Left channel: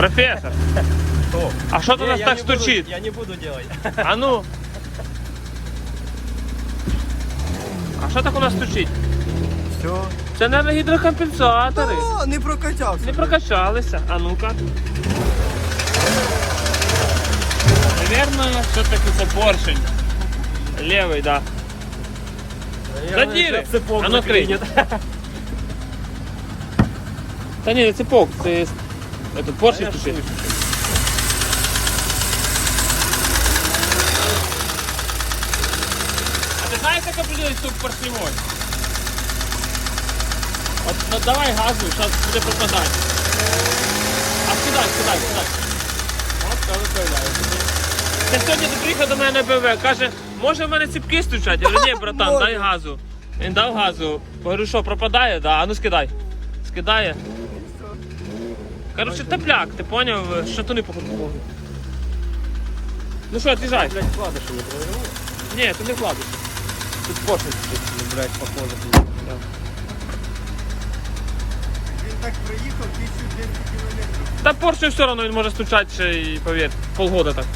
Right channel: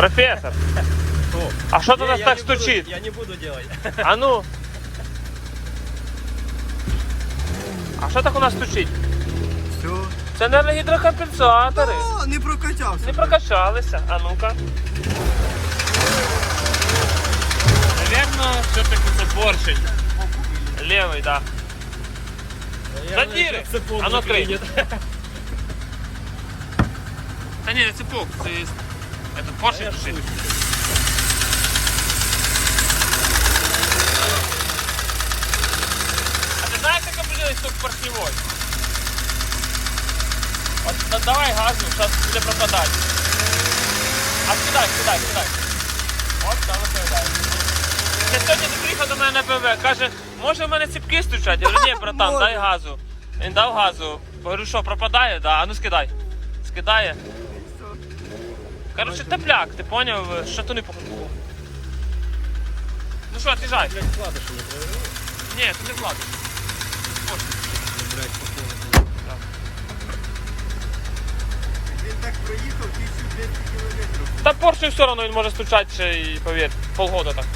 Профессор, О, а что ты нас так стучит? Я не буду делать. А ну. А що так у нас стучить? Все. Це, мабуть, гідрокомпенсатори. О, не прокачався. Не прокачалися. А ну-ка. Наверно, що це поршень. Левий, да. Задіри! А ну крий. Та ні, це цепок, це поршень стучить. А ти знаєш, яка буде стук поршневой? От давай газу, зараз буде пропадати. А скидай. От що виправляє. Я сьогодні приїхав до мене на БВ, каже, може в мене цепки стучать? Я говорю, ні, братан, дай газу. Він дав газу. Говорю, що, пропадає? Да, а ну скидай. Скидає. Короче, тепляк, ти поняв, що ти не покупав. Ну що, отъезжай. Ні, ти не вкладиш. Тут поршень, блядь, похоже. Він так проїхав 1200 кілометрів. Та порцію все одно він може стучати ще і, повір, полгода так.